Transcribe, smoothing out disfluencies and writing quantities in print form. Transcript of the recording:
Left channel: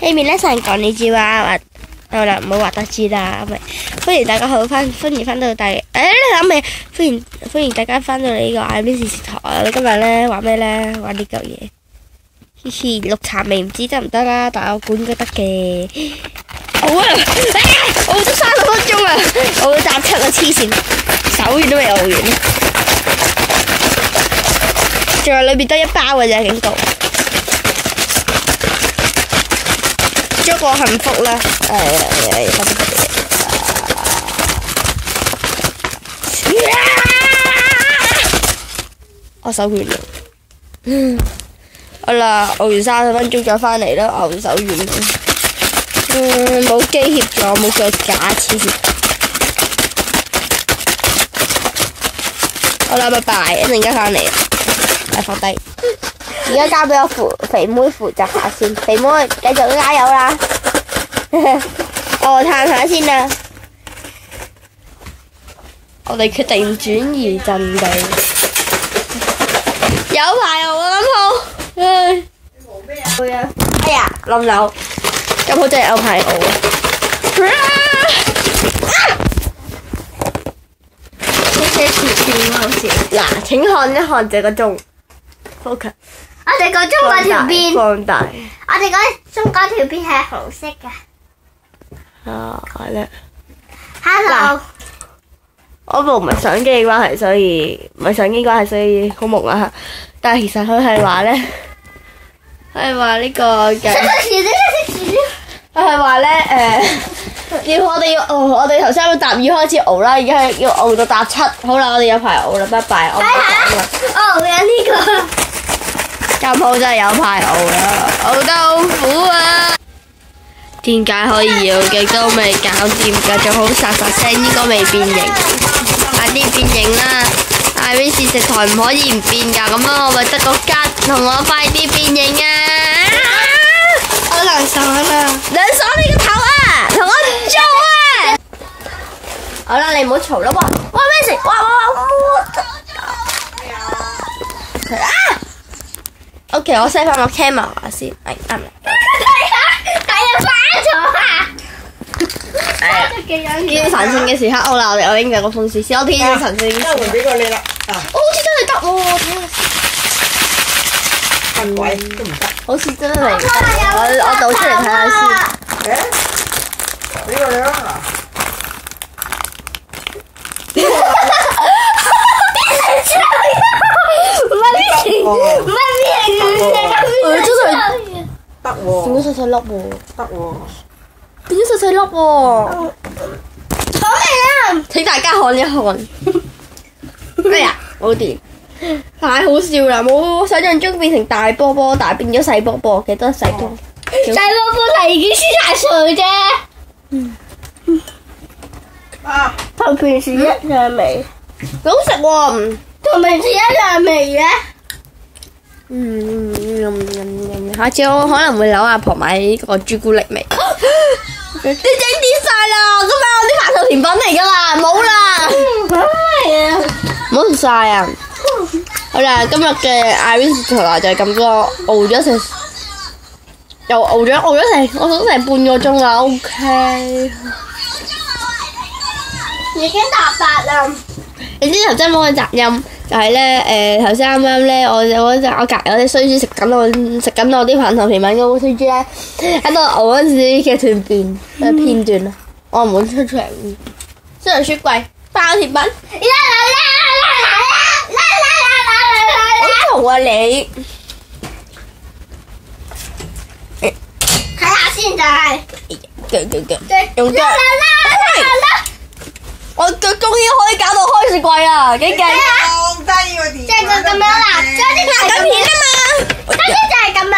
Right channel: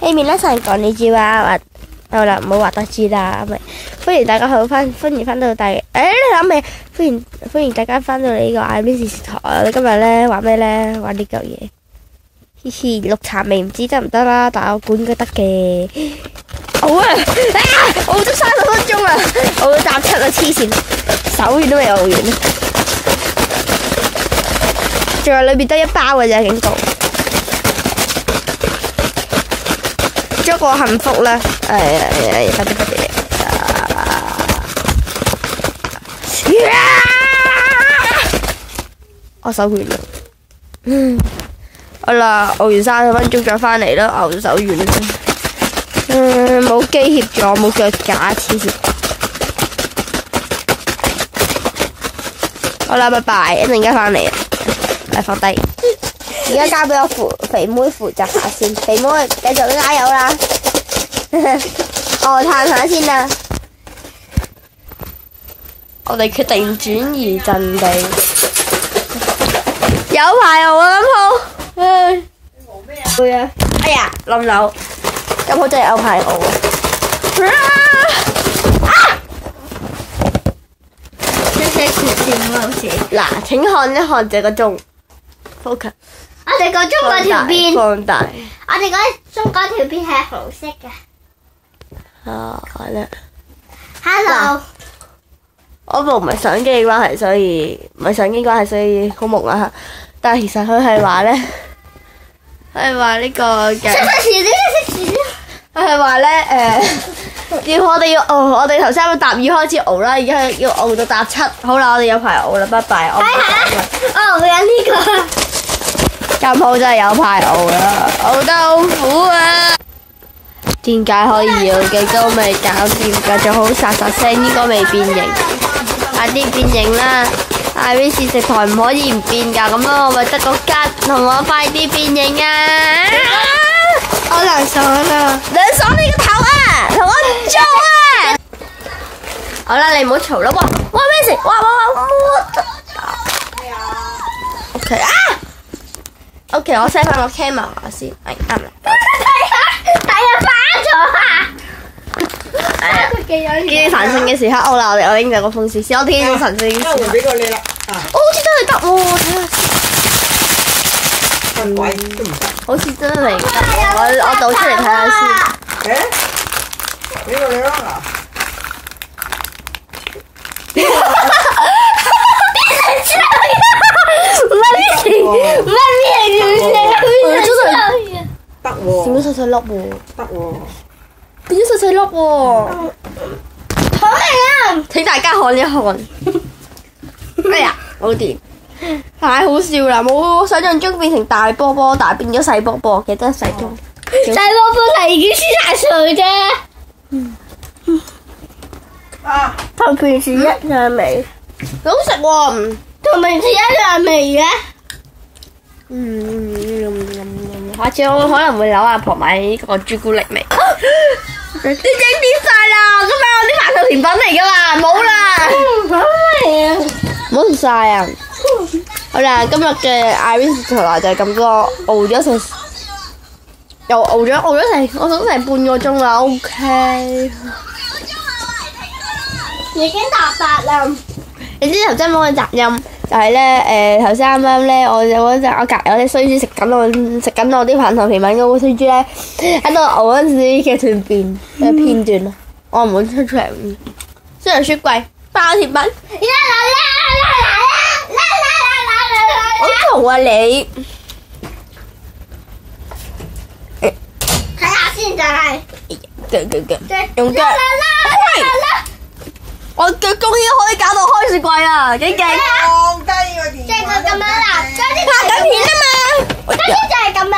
呢面咧成講你知話好啦，唔好話得知啦，咪歡迎大家歡迎翻到大你諗起歡迎大家翻到嚟呢個 Irene 電視台。我哋今日咧玩咩咧？玩呢嚿嘢，嘻嘻，綠茶味唔知得唔得啦，但係我估應該得嘅。好啊！熬咗30分鐘啦，熬到搭七啦，黐線，手軟都未熬完，仲有裏邊得1包嘅啫，警告。祝我幸福啦！快啲！我手軟啦，好啦，熬完30分鐘再翻嚟啦，熬手軟啦。冇機協助，冇腳架，黐線。好啦，拜拜，一陣間翻嚟啦，嚟放低。而家交俾我肥妹負責下先，肥妹繼續加油啦！我嘆下先啦。我哋決定轉移陣地，有排我諗好。會啊！哎呀，冧樓，咁好真係有排我嗱，請看一看這個鐘 ，focus。我哋個中嗰條邊，放大。我哋嗰中嗰條邊係紅色嘅。係啦。Hello。我部唔係相機嘅關係，所以唔係相機關係，所以好朦啦。但係其實佢係話咧，佢係話呢個嘅。佢係話咧，要我哋我哋頭先喺度搭2開始熬啦，而家要熬到搭7。好啦，我哋有排熬啦，拜拜，我唔講啦。哦，有呢個。咁好真係有排熬啦，熬得好苦啊！點解可以搖極都未搞掂？繼續好沙沙聲，應該未變形。快啲變形啦！Irene 電視台唔可以唔變㗎，咁樣我咪得個吉，同我快啲變形啊！好涼爽啊！涼爽你個頭啊！同我做啊！好啦，你唔好嘈啦！哇咩事？哇！OK， 我 set 翻個 camera 先，啱啦。係啊，反咗啊！見神聖嘅時刻，好啦，我已經有個風扇，小天神聖。換俾個你啦。好似真係得喎，睇下先。鬼都唔得。好似真係得，我倒出嚟睇下先。俾個你啦。真係得喎，變咗細細粒喎，得喎，變咗細細粒喎，好味啊！請大家看一看。哎呀，冇電，太好笑啦！冇我想象中變成大波波，但係變咗細波波，記得細波。細波波係已經先大歲啫。同平時一樣味，好食喎。同平時一樣味嘅。下次我可能會扭阿婆買呢個朱古力味。你整掂晒啦，今日我啲麻豆甜品嚟噶啦，冇啦。唔好食晒啊！好啦，今日嘅 Irene 電視台就係咁多，熬咗成，又熬咗成，我諗成半個鐘啦。OK， 已經達達啦。你知頭先冇嘅雜音，就係咧頭先啱啱咧，我隔離有啲衰豬食緊我啲棒糖甜品嗰個衰豬咧，喺度熬嗰陣時嘅片段啊，我唔會出嚟。雖然雪櫃包甜品，好嘈啊你！睇下先就係用腳。我腳終於可以搞到開雪櫃啊！幾勁！放低個電話。即係咁樣啦，拍緊片啊嘛！跟住就係咁樣。